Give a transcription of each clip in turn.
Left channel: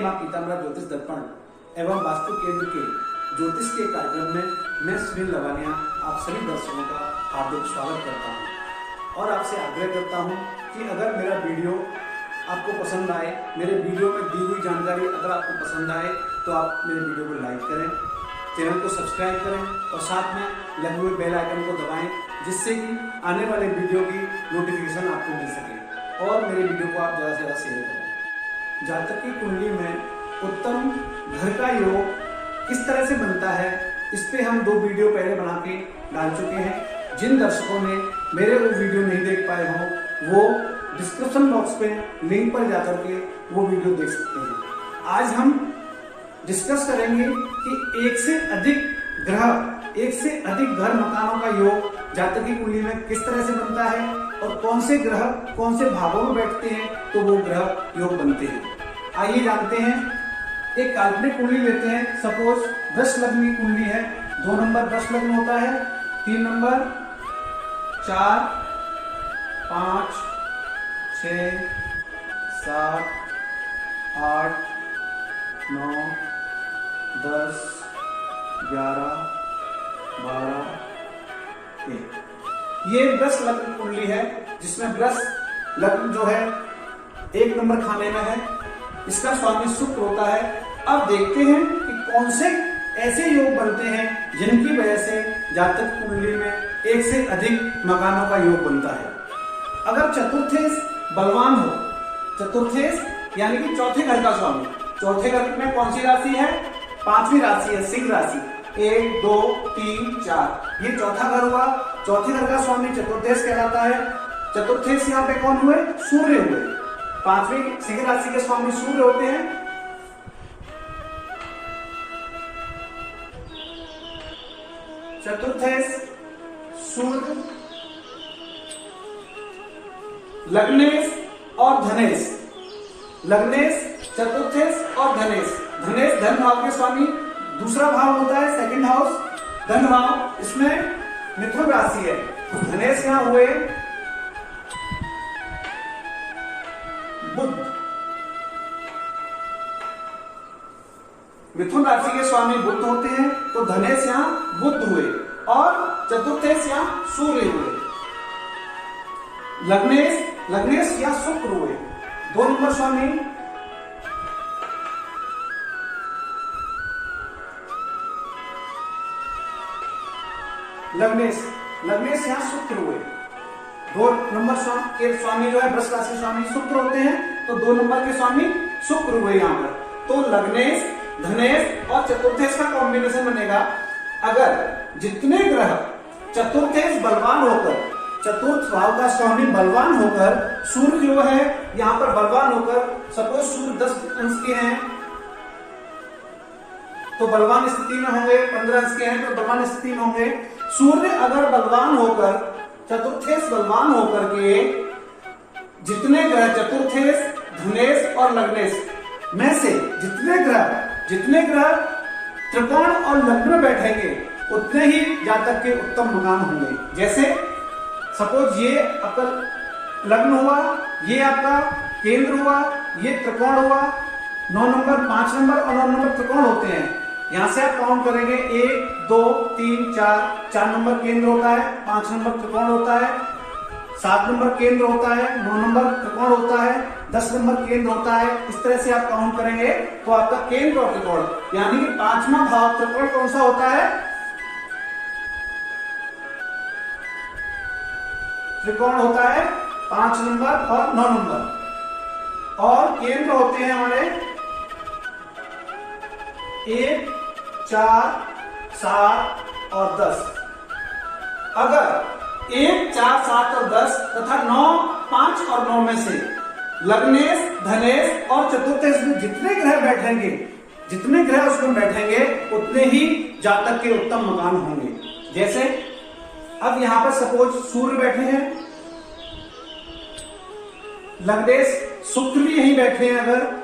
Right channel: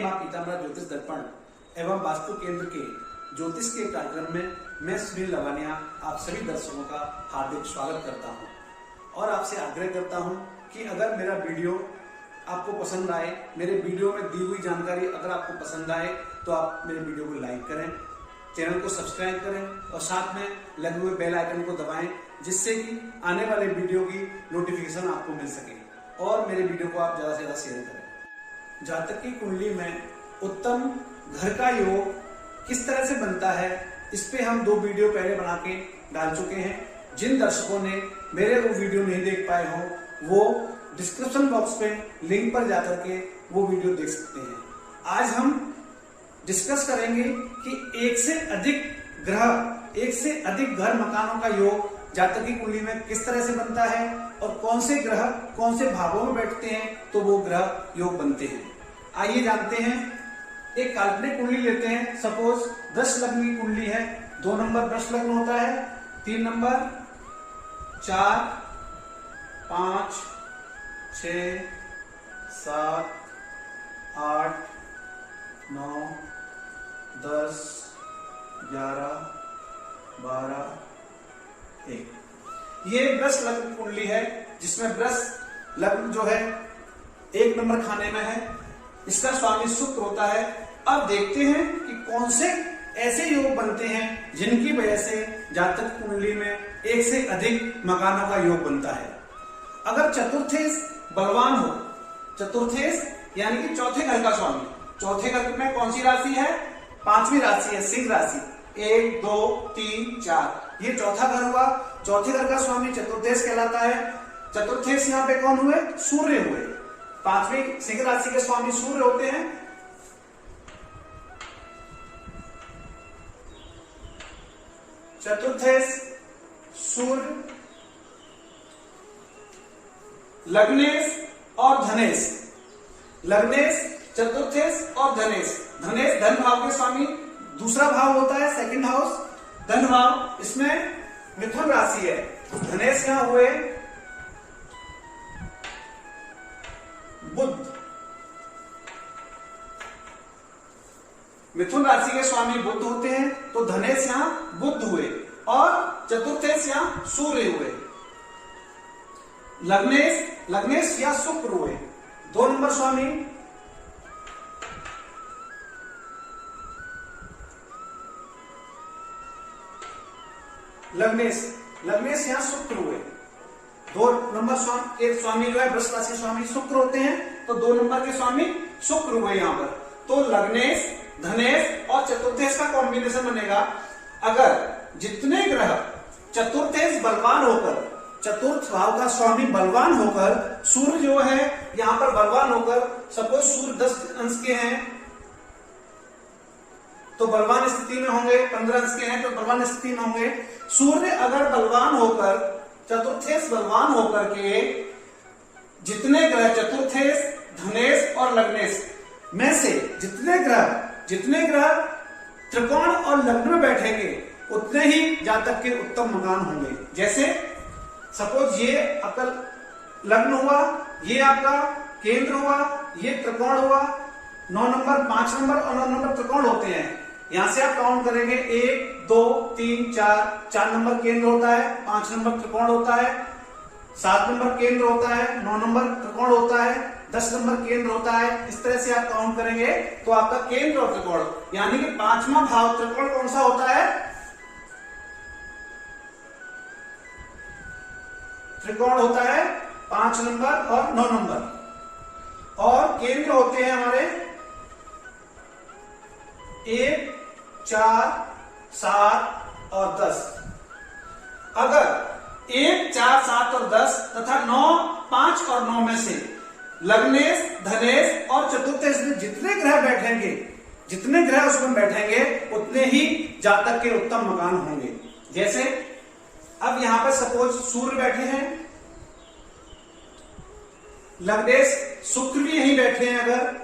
जय मां पीताम्बरा ज्योतिष दर्पण एवं वास्तु केंद्र के ज्योतिष के कार्यक्रम में मैं सुनील लवानिया आप सभी दर्शकों का हार्दिक स्वागत करता हूं और आपसे आग्रह करता हूं कि अगर मेरा वीडियो आपको पसंद आए, मेरे वीडियो में दी हुई जानकारी अगर आपको पसंद आए तो आप मेरे वीडियो को लाइक करें, चैनल को सब्सक्राइब करें और साथ में लगे हुए बेल आइकन को दबाएं, जिससे कि आने वाले वीडियो की नोटिफिकेशन आपको मिल सके और मेरे वीडियो को आप ज़्यादा से ज़्यादा शेयर करें। जातक की कुंडली में उत्तम घर का योग किस तरह से बनता है, इस पे हम 2 वीडियो पहले बना के डाल चुके हैं। जिन दर्शकों ने मेरे वो वीडियो नहीं देख पाए हो वो डिस्क्रिप्शन बॉक्स पे लिंक पर जाकर के वो वीडियो देख सकते हैं। आज हम डिस्कस करेंगे कि एक से अधिक ग्रह, एक से अधिक घर मकानों का योग जातक की कुंडली में किस तरह से बनता है और कौन से ग्रह कौन से भावों में बैठते हैं तो वो ग्रह योग बनते हैं। आइए जानते हैं। एक काल्पनिक कुंडली लेते हैं। सपोज 10 लग्न की कुंडली है। 2 नंबर 10 लग्न होता है, 3 नंबर 4, 5, 6, 7, 8, 9, 10, 11, 12, 1। ये 10 लग्न कुंडली है जिसमें 10 लग्न जो है 1 नंबर खाने में है। इसका स्वामी शुक्र होता है। अब देखते हैं कि कौन से ऐसे योग बनते हैं जिनकी वजह से जातक कुंडली में एक से अधिक मकानों का योग बनता है। अगर चतुर्थेश बलवान हो, चतुर्थेश यानी कि चौथे घर का स्वामी, चौथे घर में कौन सी राशि है? 5वीं राशि है, सिंह राशि। 1, 2, 3, 4 ये चौथा घर हुआ। चौथे घर का स्वामी चतुर्थेश कहलाता है। चतुर्थेश यहाँ पे कौन हुए? सूर्य हुए। 5वीं सिंह राशि के स्वामी सूर्य होते हैं। चतुर्थेश सूर्य, लग्नेश और धनेश, लग्नेश, चतुर्थेश और धनेश। धनेश धन भाव के स्वामी, दूसरा भाव होता है सेकंड हाउस, धन भाव। इसमें मिथुन राशि है। धनेश यहां हुए बुध, मिथुन राशि के स्वामी बुध होते हैं तो धनेश यहां बुध हुए और चतुर्थेश यहां सूर्य हुए। लग्नेश, लग्नेश यहां शुक्र हुए। 2 नंबर स्वामी लग्नेश, लग्नेश यहां शुक्र हुए। 2 नंबर के स्वामी जो है वृष राशि स्वामी शुक्र होते हैं तो 2 नंबर के स्वामी शुक्र हुए यहां पर। तो लग्नेश, धनेश और चतुर्थेश का कॉम्बिनेशन बनेगा। अगर जितने ग्रह चतुर्थेश बलवान होकर, चतुर्थ भाव का स्वामी बलवान होकर, सूर्य जो है यहां पर बलवान होकर, सपोज सूर्य 10 अंश के हैं तो बलवान स्थिति में होंगे, 15 अंश के हैं तो बलवान स्थिति में होंगे। सूर्य अगर बलवान होकर, चतुर्थेश बलवान होकर के जितने ग्रह चतुर्थेश, धनेश और लग्नेश में से जितने ग्रह त्रिकोण और लग्न में बैठेंगे उतने ही जातक के उत्तम मकान होंगे। जैसे सपोज ये आपका लग्न हुआ, ये आपका केंद्र हुआ, ये त्रिकोण हुआ। 9 नंबर 5 नंबर और 9 नंबर त्रिकोण होते हैं। यहां से आप काउंट करेंगे 1, 2, 3, 4 नंबर केंद्र होता है, 5 नंबर त्रिकोण होता है, 7 नंबर केंद्र होता है, 9 नंबर त्रिकोण होता है, 10 नंबर केंद्र होता है। इस तरह से आप काउंट करेंगे तो आपका केंद्र और त्रिकोण यानी कि 5वां भाव त्रिकोण कौन सा होता है? त्रिकोण होता है 5 नंबर और 9 नंबर। और केंद्र होते हैं हमारे 1, 4, 7 और 10। अगर 1, 4, 7 और 10 तथा 9, 5 और 9 में से लग्नेश, धनेश और चतुर्थेश में जितने ग्रह बैठेंगे, जितने ग्रह उसमें बैठेंगे उतने ही जातक के उत्तम मकान होंगे। जैसे अब यहां पर सपोज सूर्य बैठे हैं, लग्नेश शुक्र भी यहीं बैठे हैं, अगर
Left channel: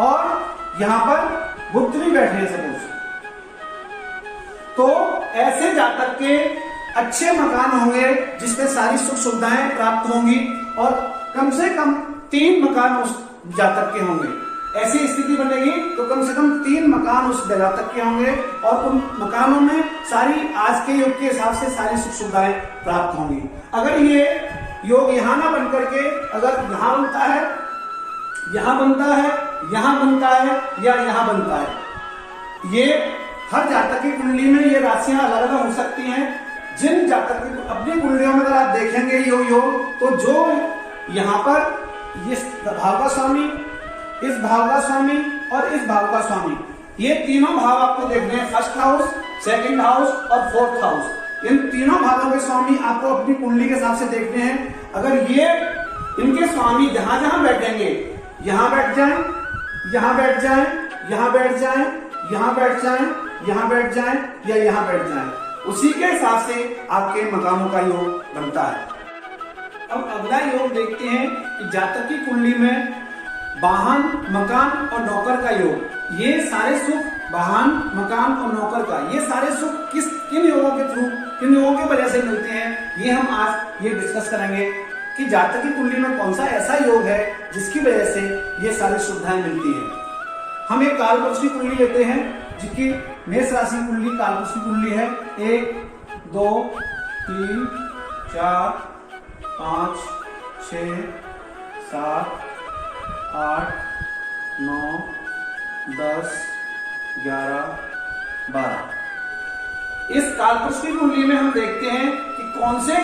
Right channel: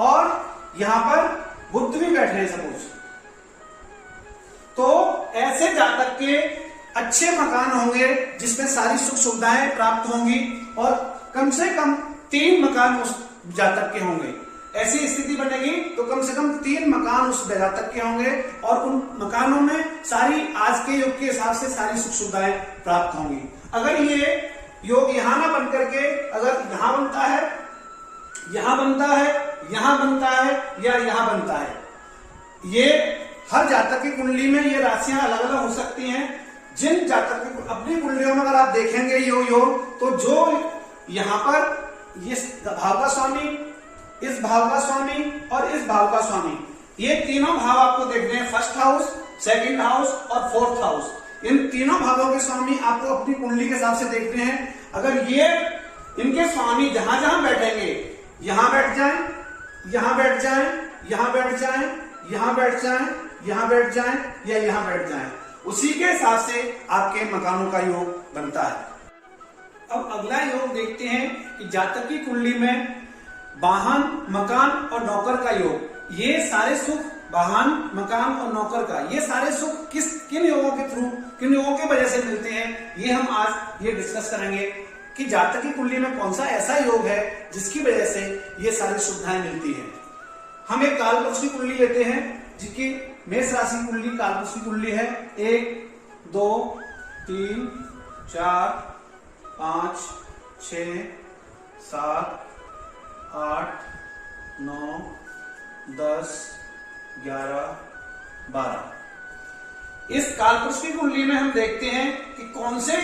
और यहां पर बुध भी बैठे हैं सपोज, तो ऐसे जातक के अच्छे मकान होंगे जिसमें सारी सुख सुविधाएं प्राप्त होंगी और कम से कम 3 मकान उस जातक के होंगे। ऐसी स्थिति बनेगी तो कम से कम 3 मकान उस जातक के होंगे और उन मकानों में सारी आज के युग के हिसाब से सारी सुख सुविधाएं प्राप्त होंगी। अगर ये योग यहाँ ना बन करके अगर यहाँ बनता है, यहाँ बनता है, यहाँ बनता है या यहाँ बनता है, ये हर जातक की कुंडली में ये राशियां अलग अलग हो सकती हैं। जिन जातक की अपनी कुंडलियों में अगर आप देखेंगे योग तो जो यहाँ पर इस भाव का स्वामी, इस भाव का स्वामी और इस भाव का स्वामी, ये तीनों भाव आपको देखने हैं, फर्स्ट हाउस, सेकंड हाउस और फोर्थ हाउस। इन तीनों भावों के स्वामी आपको अपनी कुंडली के हिसाब से देखने हैं। अगर ये इनके स्वामी जहां जहां बैठेंगे, यहाँ बैठ जाएं, यहाँ बैठ जाएं, यहाँ बैठ जाएं, यहाँ बैठ जाएं, यहाँ बैठ जाएं या यहाँ बैठ जाएं, उसी के हिसाब से आपके मकानों का योग बनता है। अब अगला योग देखते हैं कि जातक की कुंडली में वाहन, मकान और नौकर का योग। ये सारे सुख वाहन, मकान और नौकर का, ये सारे सुख किन योगों के थ्रू, किन योगों की वजह से मिलते हैं, ये हम आज ये डिस्कस करेंगे कि जातक की कुंडली में कौन सा ऐसा योग है जिसकी वजह से ये सारी सुविधाएं मिलती हैं। हम एक कालपुरुष की कुंडली लेते हैं जिसकी मेष राशि कुंडली कालपुरुष की कुंडली है। 1 2 3 4 5 6 7 8 9 10 11 12। इस कालपुरुष की कुंडली में हम देखते हैं कि कौन से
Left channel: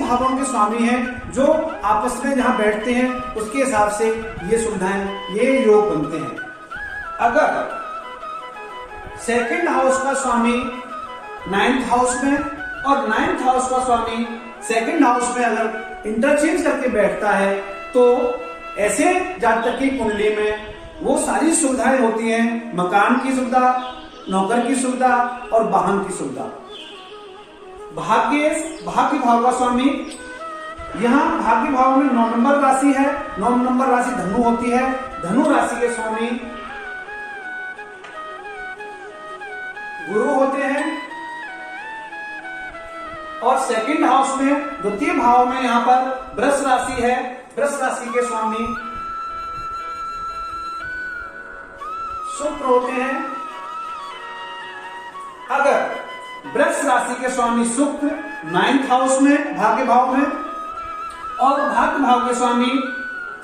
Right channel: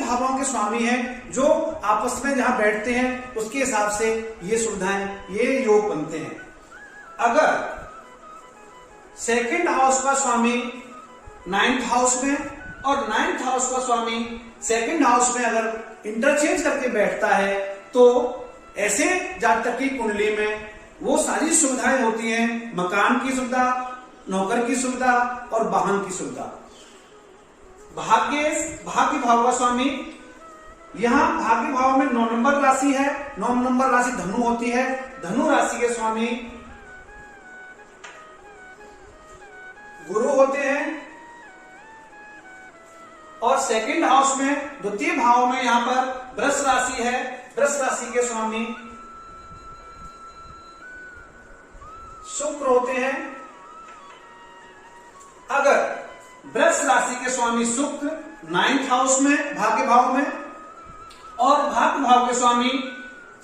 भावों के स्वामी हैं जो आपस में जहां बैठते हैं उसके हिसाब से ये सुविधाएं, ये योग बनते हैं। अगर सेकंड हाउस का स्वामी 9th हाउस में और 9th हाउस का स्वामी सेकंड हाउस में अगर इंटरचेंज करके बैठता है तो ऐसे जातक की कुंडली में वो सारी सुविधाएं होती हैं, मकान की सुविधा, नौकर की सुविधा और वाहन की सुविधा। भाग्य भाव का स्वामी, यहाँ भाग्य भाव में 9 नंबर राशि है, 9 नंबर राशि धनु होती है। धनु राशि के स्वामी गुरु होते हैं और सेकंड हाउस में द्वितीय भाव में यहाँ पर वृष राशि है। वृष राशि के स्वामी शुक्र होते हैं। अगर वृष राशि के स्वामी शुक्र 9th हाउस में भाग्य भाव में और भाग्य भाव के स्वामी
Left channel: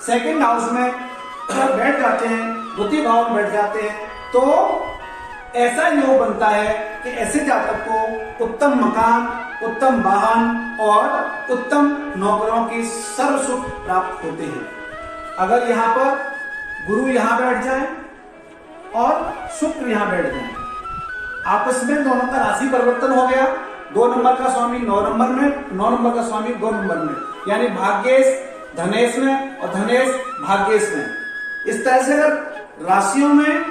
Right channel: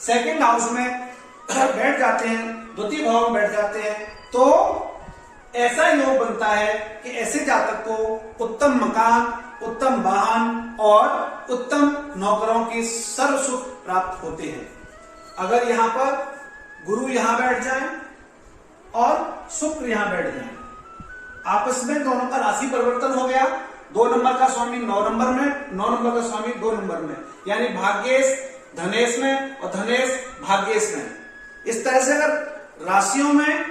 सेकंड हाउस में बैठ जाते हैं, द्वितीय भाव में बैठ जाते हैं, तो ऐसा योग बनता है कि ऐसे जातक को उत्तम मकान, उत्तम वाहन और उत्तम नौकरों की सर्व सुख प्राप्त होते हैं। अगर यहाँ पर गुरु यहाँ बैठ जाए और शुक्र यहाँ बैठ जाए, आपस में दोनों का राशि परिवर्तन हो गया। 2 नंबर का स्वामी 9 नंबर में, 9 नंबर का स्वामी 2 नंबर में, यानी भाग्येश धनेश में और धनेश भाग्येश में। इस तरह से अगर राशियों में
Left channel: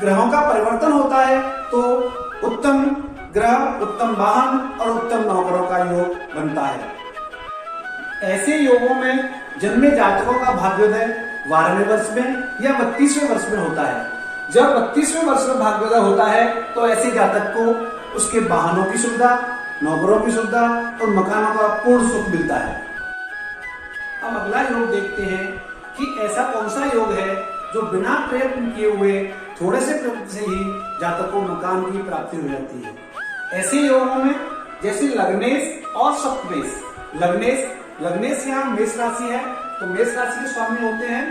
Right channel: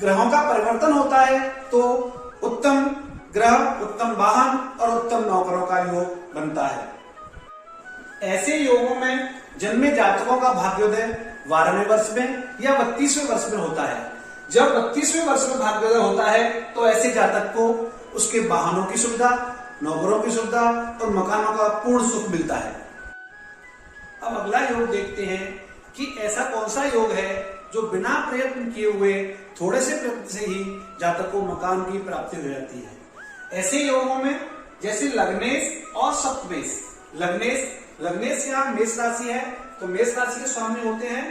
ग्रहों का परिवर्तन होता है तो उत्तम ग्रह, उत्तम वाहन और उत्तम नौकरों का योग बनता है। ऐसे योगों में जन्मे जातकों का भाग्योदय 12वें वर्ष में या 32वें वर्ष में होता है। जब 32वें वर्ष में भाग्योदय होता है तो ऐसे जातक को उसके वाहनों की सुविधा, नौकरों की सुविधा और मकानों का पूर्ण सुख मिलता है। अब अगला योग देखते हैं कि ऐसा कौन सा योग है जो बिना प्रयत्न किए हुए थोड़े से प्रयत्न से ही जातक को मकान की प्राप्ति हो जाती है। ऐसे योगों में जैसे लग्नेश और सप्तमेश। लग्नेश यहाँ मेष राशि है तो मेष राशि के स्वामी होते हैं,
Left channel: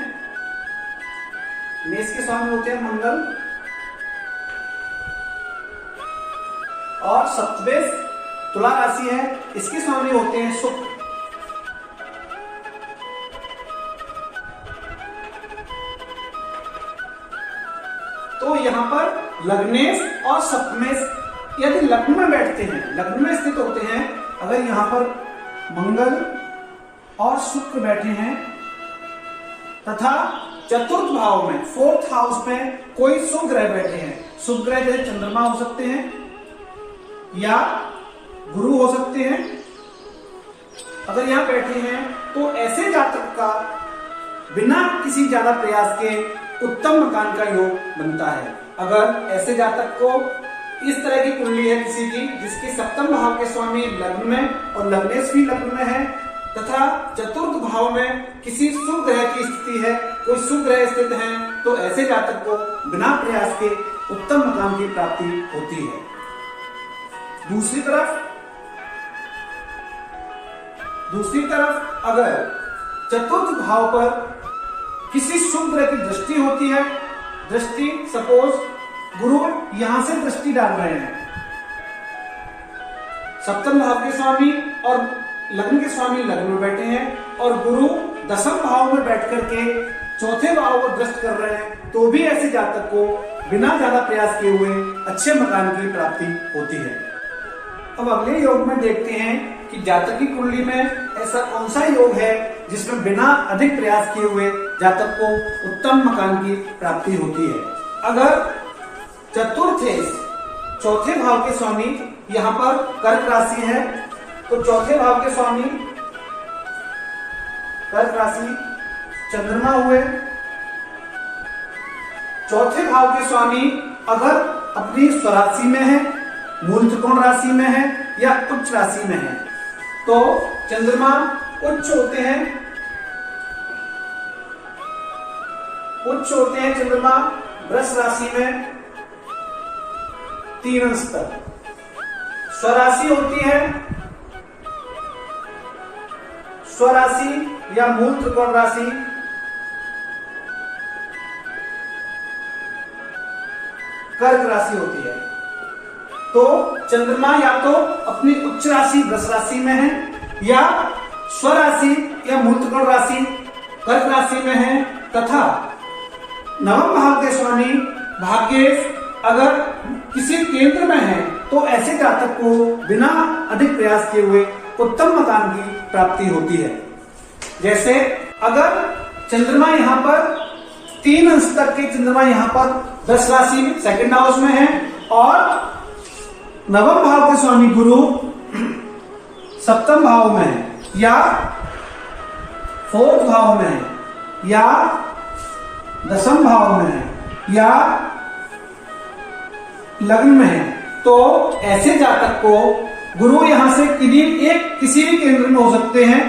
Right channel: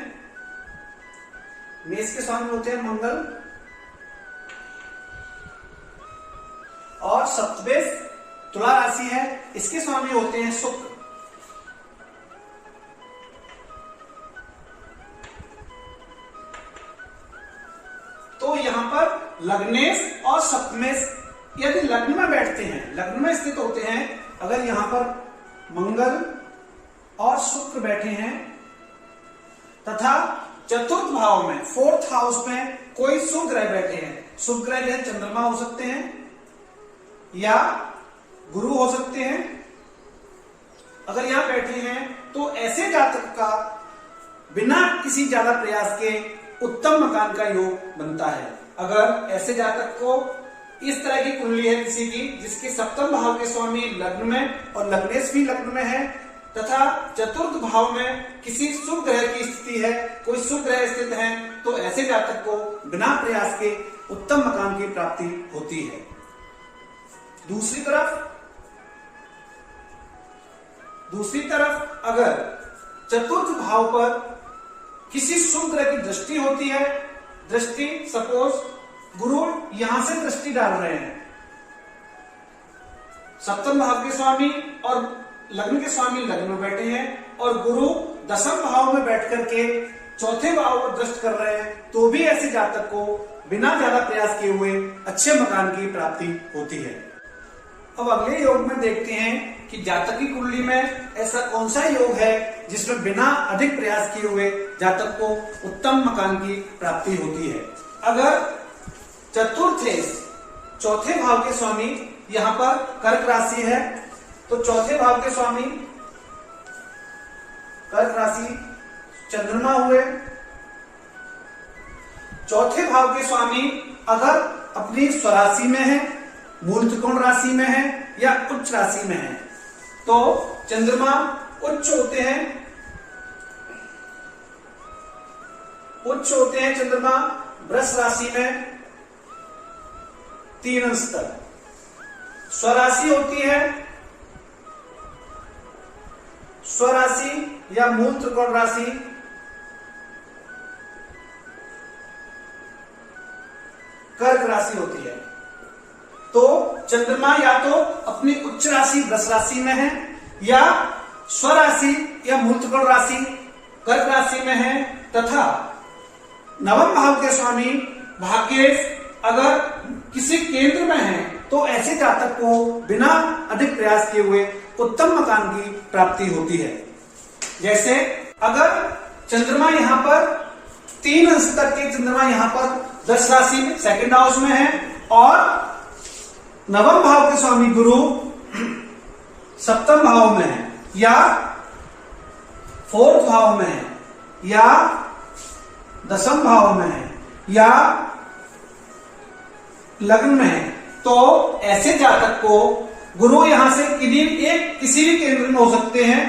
मेष के स्वामी होते हैं मंगल और सप्तमेश तुला राशि है, इसके स्वामी होते हैं शुक्र। तो यहाँ पर लग्नेश और सप्तमेश यदि लग्न में बैठते हैं, लग्न में स्थित होते हैं, अगर यहाँ पर मंगल और शुक्र बैठे हैं तथा चतुर्थ भाव में 4th हाउस में कोई शुभ ग्रह बैठे हैं, शुभ ग्रह जैसे चंद्रमा हो सकते हैं या गुरु हो सकते हैं, अगर यहां बैठे हैं तो ऐसे जातक का बिना किसी ज्यादा प्रयास के उत्तम मकान का योग बनता है। अगर ऐसे जातक को इस तरह की कुंडली है किसी की जिसके सप्तम भाव के स्वामी लग्न में और लग्नेश भी लग्न में है तथा चतुर्थ भाव में किसी शुभ ग्रह की स्थिति है, कोई शुभ ग्रह स्थित है, तो ऐसे जातक को बिना प्रयास के उत्तम मकान की प्राप्ति होती है। दूसरी तरफ अगर चतुर्थ भाव पर किसी शुभ ग्रह की दृष्टि होती है, दृष्टि सपोज गुरु यहां से दृष्टि डाल रहे हैं, सप्तम भाव के स्वामी और लग्न के स्वामी लग्न में बैठे हैं और गुरु दसम भाव में बैठ करके चौथे भाव को दृष्ट कर रहे हैं, तो भी ऐसे जातक को बिना ज्यादा प्रयास किए हुए अच्छे मकान की प्राप्ति होती है। अब अगले योग में देखते हैं कि जातक की कुंडली में ऐसा कौन सा योग है जिसमें बिना अधिक प्रयास किए हुए जातक को उत्तम मकान की प्राप्ति होती है। अगर चतुर्थ चौथे भाव के स्वामी यहाँ पर कर्क राशि है, तो चौथे भाव के स्वामी कर्क राशि चंद्रमा हुए। चौथे भाव के स्वामी अगर अपनी स्वराशि में है, मूल त्रिकोण राशि में है या उच्च राशि में है, तो चंद्रमा उच्च होते हैं चंद्रमा वृष राशि में 3 अंश तक। स्वराशि होती है स्वराशि या मूल त्रिकोण राशि कर्क राशि होती है। तो चंद्रमा या तो अपनी उच्च राशि वृष राशि में है या स्वराशि या मूल त्रिकोण राशि कर्क राशि में है तथा नवम भाव के स्वामी भाग्येश अगर किसी केंद्र में है, तो ऐसे जातक को बिना अधिक प्रयास किए हुए उत्तम मकान की प्राप्ति होती है। जैसे अगर चंद्रमा यहाँ पर 3 अंश तक के चंद्रमा यहाँ पर 10 राशि में सेकंड हाउस में है और नवम भाव के स्वामी गुरु सप्तम भाव में है या 4th भाव में है या 10th भाव में है या लग्न में है, तो ऐसे जातक को गुरु यहां से किसी भी केंद्र में हो सकते हैं।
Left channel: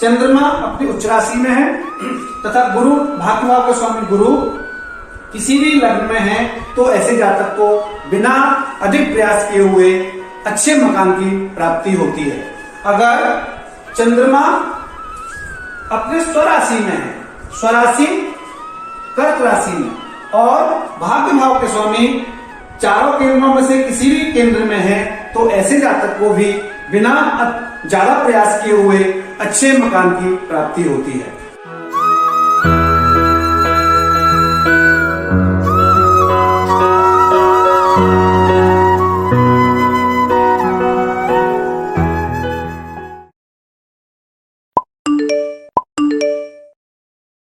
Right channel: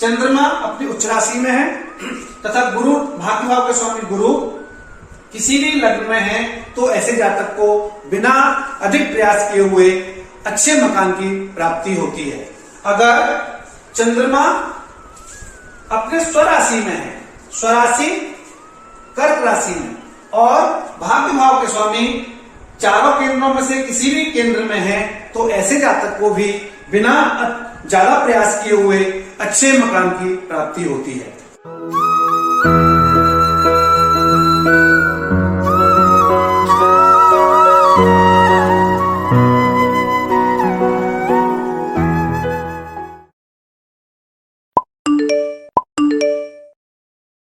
चंद्रमा अपनी उच्च राशि में है तथा गुरु भाग्य भाव के स्वामी गुरु किसी भी लग्न में है, तो ऐसे जातक को बिना अधिक प्रयास किए हुए अच्छे मकान की प्राप्ति होती है। अगर चंद्रमा अपने स्वराशि में है, स्वराशि कर्क राशि में और भाग्य भाव के स्वामी चारों केंद्रों में से किसी भी केंद्र में है, तो ऐसे जातक को भी बिना ज्यादा प्रयास किए हुए अच्छे मकान की प्राप्ति होती है।